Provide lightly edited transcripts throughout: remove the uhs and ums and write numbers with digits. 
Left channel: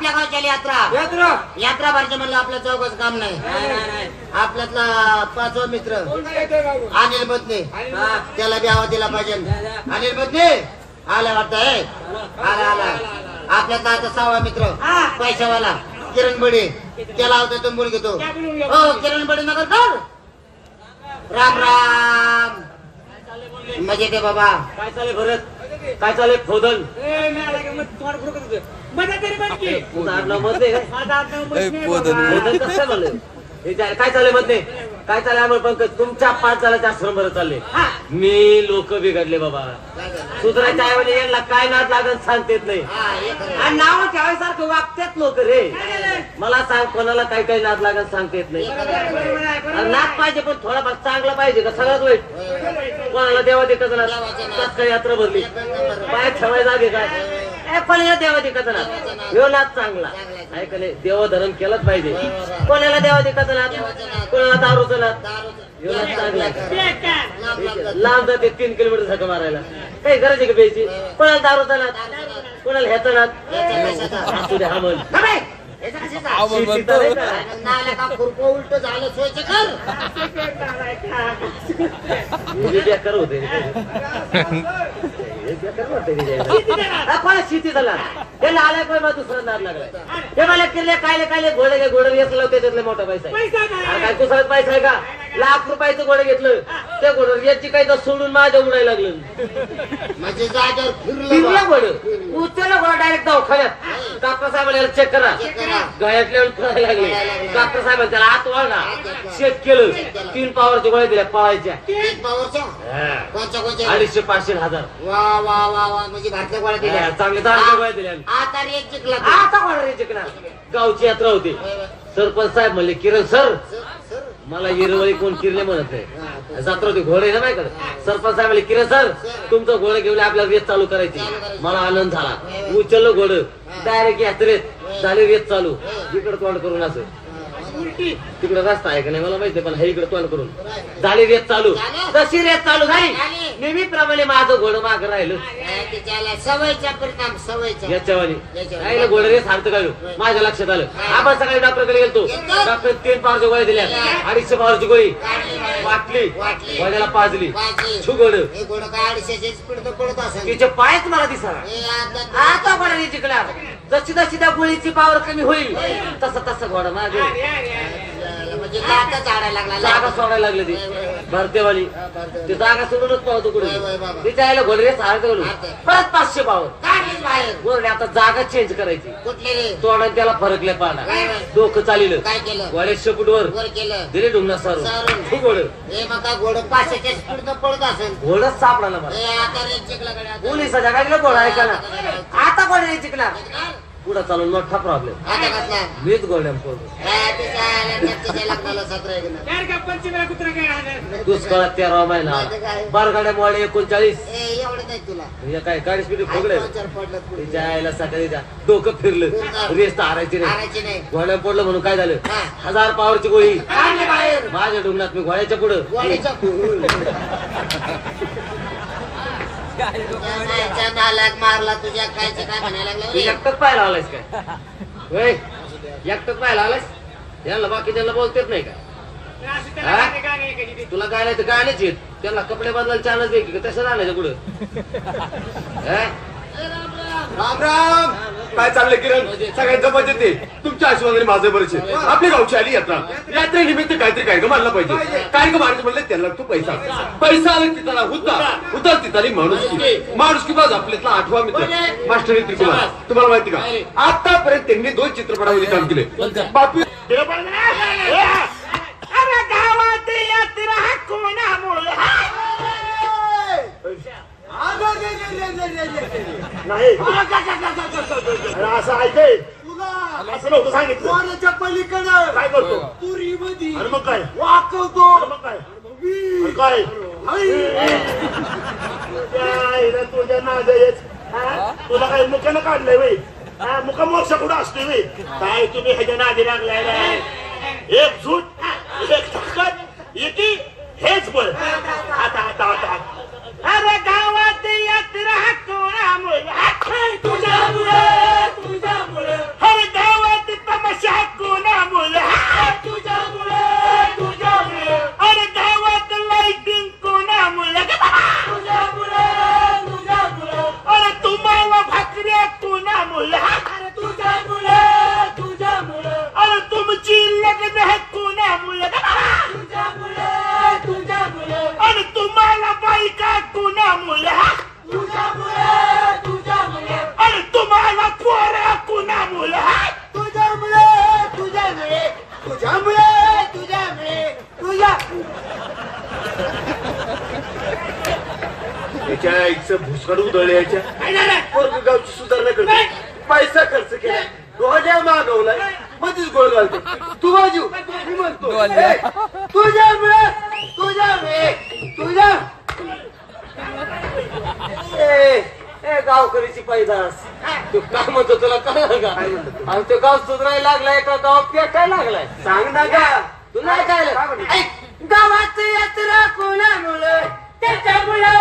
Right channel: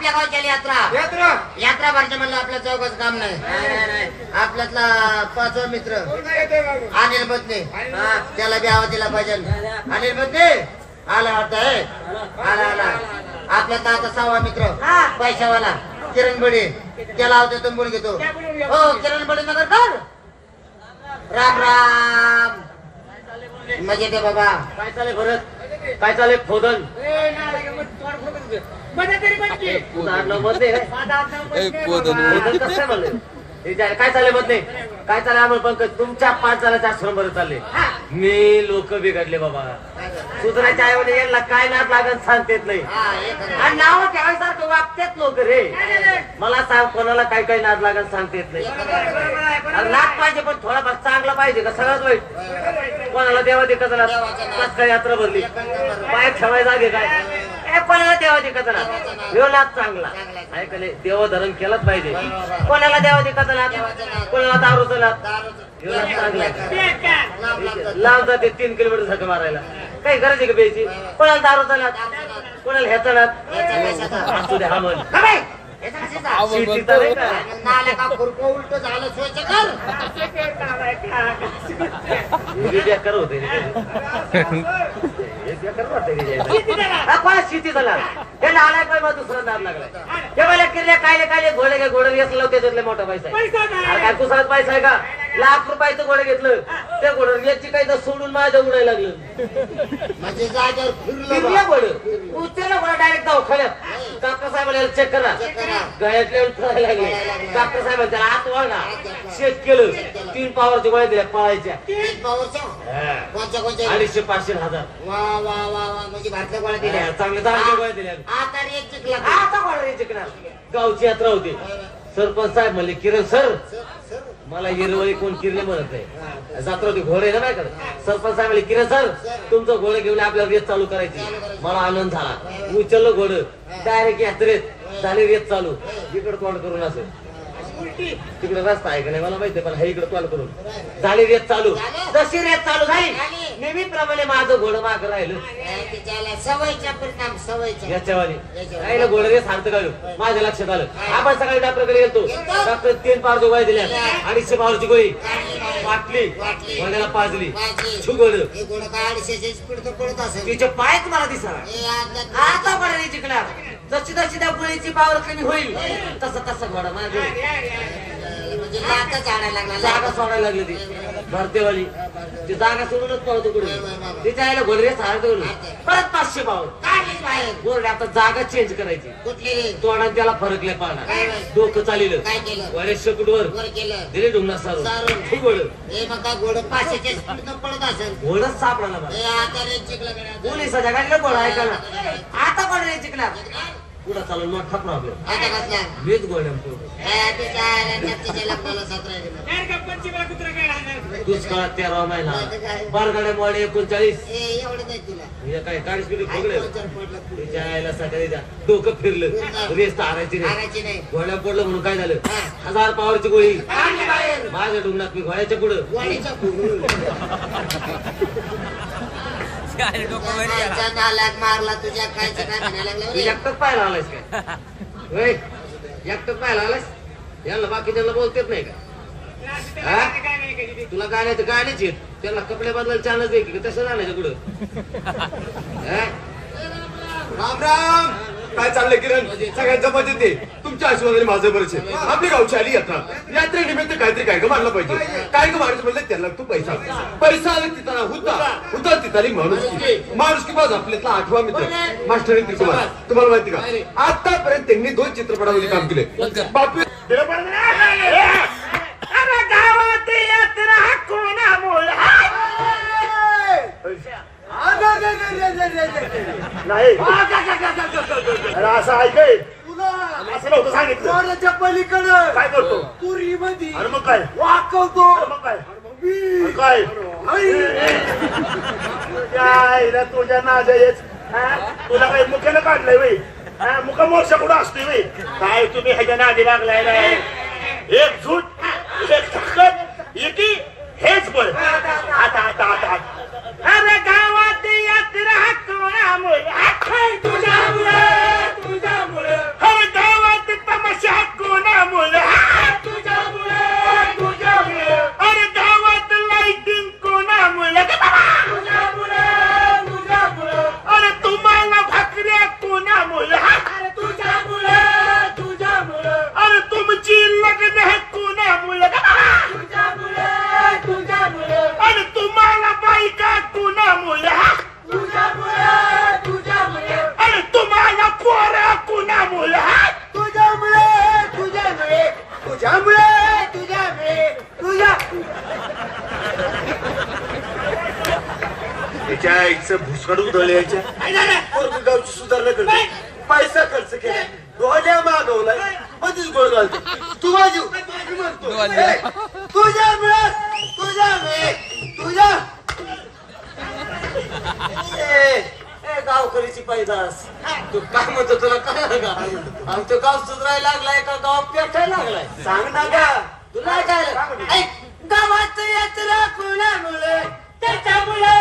आपल्या गावच्या यात्रा भरच्या म्हणलं आपल्या चौकाच काम नाही. आपल्यातला 5 मित्र अनिल बदने त्याला बी आवाज दिला पाहिजे. अनिल बदने आला वाटतंय. आला आपल्यातला आता 6वा मित्र पैशावाला किरण बडे त्याला आवडतो बोल घेतो. हो किरण बडे नगरकर राम राम. मजे ते बाबा काय चाले भरत काय चाले खोदन काय चालले मधले काय चालले आम्हाला पंकज तुमच्या 5 झाल्याच्या आश्रम बरं चालले. मी लोक बिघडले बाबा सुधरायच्या ऐवजी यांना काय नाद लागत सांगतेत नाही आणि नाव ठेवायसारखं वागतेत लोक रे. मला सांग कोणाला काय काय नाद लागत सांगतेत नाही. नाद पाहिजे पण थोडाफार चांगला पाहिजे का सगळ्यात वाईट. कोणाला देवा देखत काय यात्रा भरली पाय ठेवाय जागे काय कोणाला देवा देखत ह्यो नाद चांगला ऐकले देवधरण केलंच पाहिजे. कोणाला देवा देखत कोणाला दारूचा नाद ह्यो नाद चांगला लांब जाते 3 किलोमीटर झक मारायला काही गरज आहे का प्यायची. कोणाला दारूचा नाद कोणाला ह्याचा नाद असू दे हा म्हण उलट झालं सोयचं कर बेकार होते शेती झाला त्याला आलाय पण मग दुसरा नाद लागलाय. ते मला किल्ले कायले घोडे घोडे घेतलं त्याच्यातले मोठा पैसा आहे. काय कुसळत पैसा आहे का. लाख रुपयाचं घोडे घेतलं त्या घोडं याची काही तर सोडून माझ्या उडायला लागलं म्हणजे जागेवर फिरलं घोडं उचललं घोडा डायरेक्ट दवाखान्यात. डॉक्टर साहेबांना चेक करा गळ्यातले फळायला लागले. डॉक्टर साहेब त्याला आत वळला चेक केलं 3 पावरच्या गोळ्या दिल्या पळायच्या 250-500 हजार. वा वा वा वा म्हणजे भारतीय गोळ्या दिल्या चांगल्या चांगल्या गोळ्या दिल्या. आता रेट जिंकला आता गोळा रे जिंकणार. गावची यात्रा होती. सरपंच साहेब म्हणले किरण सर मला हिरवळी कोण किरले म्हणत आहे जत्रा होती घोडे ना नाही करत. सरपंच साहेब म्हणले किरण सर तुमचं घोडे घेऊन आपल्याला रेस चालू करायची. मला आनंद झाला. उचललं घोडं डायरेक्ट यात्रेत झाली रेस चालू. इकडे तोंड करून असं तिकडे रस्ता आहे का नाही मला माहिती पण हे इकडे तोंड करून झाली रेस चालू. जशी रेस चालू झाली नेहमीप्रमाणे माझं घोडं मागं राहिलं सवयीचा परिणाम सवयीचा याच्यावानी घोडं रेस हाणतं का माझ्या लक्षात आलं. आपण सकाळी डॉक्टरकडे गेलतो. डॉक्टर 3 पावरची गोळी दिल्या 250 पावरची गोळी वाटली घोड्याला पाजली घोडं तिचे पायच मला दिसा. आता घोडा जिंकला. जशी जशी त्या गोळीची पावर कमी होईल तसं घोडा माझं जागा सोडायला लागली. ती भरतेवाली ती जागा सोडूनच पाहतो कुठे तिच्या आईला घोडरे सारखं परत 500 पावर घोडे. आता जागा चेंज करायची तोंडाने त्याला फरकले पाडा डोकं चालिलं घोडे शेपूटवर दिले डुंगना सारून घोडं 500च्या स्पीडनं पळत असेल. घोडच सापडा पोलिसाच्या गाडीला घोडा ऐकायला. आता घोडे जिंकणार पुढे चालून मोठा प्रॉब्लेम मीच गोळ्या दुष्काळात 13 महिना बारगाड्या मोडे 39 काय 40 मिनिट फोगले सकाळी डोकं फिरलं रेस तर हारायची नाही. घोड्या पडलं म्हणून काय झालं 1000 पावरची गोळी माझ्या डुंगणात मी घोड्याच्या पुढं मारला तुझ्या काय म्हणायला लागला. एकटच पाहायला आलायस काय एकटच पाहायला आलायस. यांना बाकी त्यांना बोलतेच नाही का. तुला गाणे तर गाणेच येत त्यांना कपडे बदलायला चालच आहे की तसं राहण्याचं पुढं. राम राम काय चाललंय किरण सगळ्यात जपात येते तुमच्या आशीर्वादाने माझं बरंच आहे. आपली गावची आली यात्रेनिमित्त काहीतरी काय ग मानलं पाहिजे. काय ग मारायचं म्हणलं त्याला तू पैसा आला तिथला होता तिथली माणुसकी बाज आपल्यातला 8वा मित्र मास्टर त्रिकुमार. तुम्हाला माहिती का आतापर्यंत त्यांनी 2 चित्रपटामध्ये काम केले. बापू गावात यात्रा कोणामुळे नाही असं ऐकाय असं नव्हतं सांगितलं. पलीकडे काय करतो तुरी मध्ये मग काय वाकवतो मग काय तुझ्या नाजयच तुला काही मुख्यानं काढलंय बाई मुका मोर्चा कुठं असतोय बाई. काय तुम्ही ह्याच्या नादी लागलाय. एक झूट एक ताकद एकी हेच बळ. आता अरे गावात यात्रा कोणामुळे तुझ्यामुळे त्याच्या आईचं भुसकाडून दळल्याच्या पोरग गावची सुधारणा करतो पैसा खर्च केला रोजा मागवलाय मध्येच गोळ घालतो तू वाजू मी म्हणतो तुझ्यामुळे तुझ्या ए गावकरीची पैदास तू काय म्हणतो तुला कळलं का आणि तो गाव सुधारायला लागलाय का गाव पेटायला लागलाय सांग ना का तुला काय गावात यात्रा कोणामुळे त्याच्यामुळे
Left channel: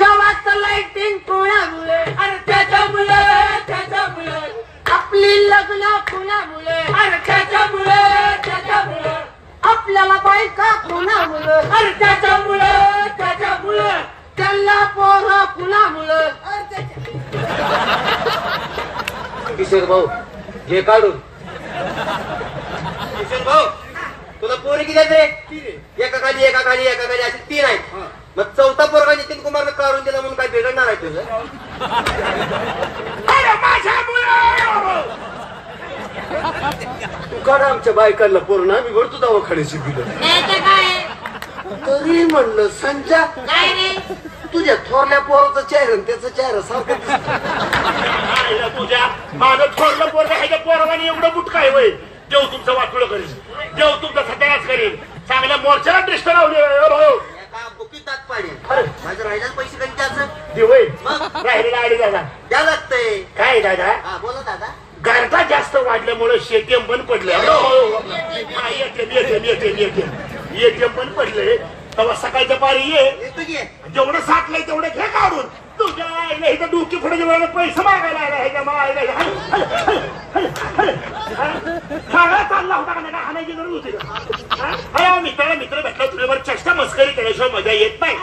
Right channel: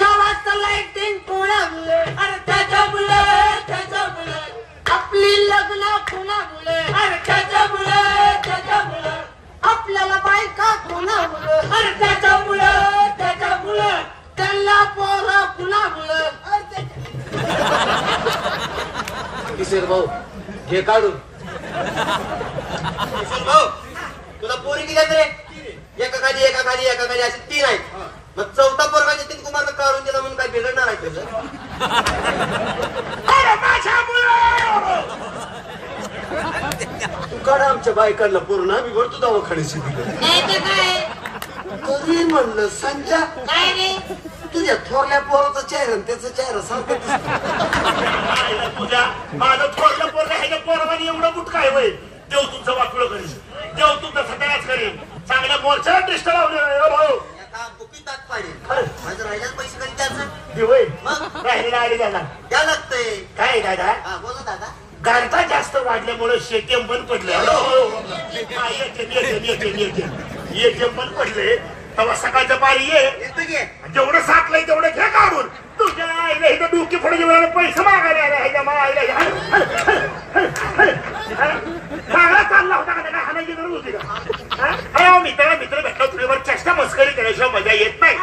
गावात लाइटिंग कोणामुळे अरे त्याच्यामुळे आपली लग्न कोणामुळे अरे त्याच्यामुळे आपल्याला बायका कोणामुळे अरे त्याच्यामुळे त्याला पोरं कुणामुळे किशोर भाऊ हे काढून किशोर भाऊ तुला पोरी किती आहेत रे एका खाली अशी 3 आहेत मग चौथा पोरगा नितीन कुमारनं काढून दिला म्हणून काय बिघडणार आहे तुझं तू काढ आमच्या बायकांना पूर्ण आम्ही भरतो दवाखान्याची बिलं तरी म्हणलं संख्या काय रे तुझ्या थोरल्या पोराचा चेहरा आणि त्याचा चेहरा सारखा तुझ्या माझं थोडलं पोरग ह्याच्या पोरावाने एवढं बुट काय होईल देव तुमचं वाटलं करेल देव तुमचा सत्यानाश करेल चांगल्या मोर्चाला टेस्ट लावले बुकी ताक पाडेल माझं राहिल्याच पैसे कधी त्याचं देवय मग राहिलेला आडी दादा द्या लागतंय काय दादा हा बोला दादा गारठा जास्त वाढल्यामुळे एटीएम बंद पडले एटीएम बंद पडले तेव्हा सकाळचं पारी ये येतो की जेवढं साठलंय तेवढं घे काढून तुझ्या आईला इथं डोकी फोडायच्या वेळेला पैसे मागायला आला ह्याच्या मला आईला सगळा चालला होता का काय हाणायची गरज होती का मित्र भेटला तुझ्यावर चेष्टा मस्करी केल्याशिवाय मजा येत नाही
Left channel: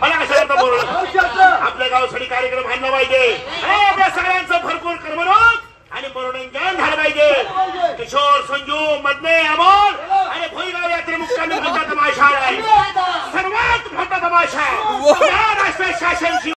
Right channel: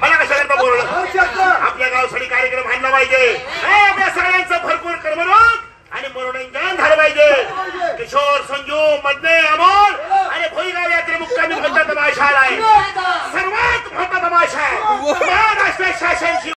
मला कशा करता बोलणं आपल्या गावसाठी कार्यक्रम व्हायला पाहिजे आपल्या सगळ्यांचं भरपूर कर्मरोग आणि मनोरंजन झालं पाहिजे किशोर संजू मधने अमोल आणि भोईगाव यात्रे मुक्कामी मोठा तमाशा आहे सर्वात मोठा तमाशा आहे शासन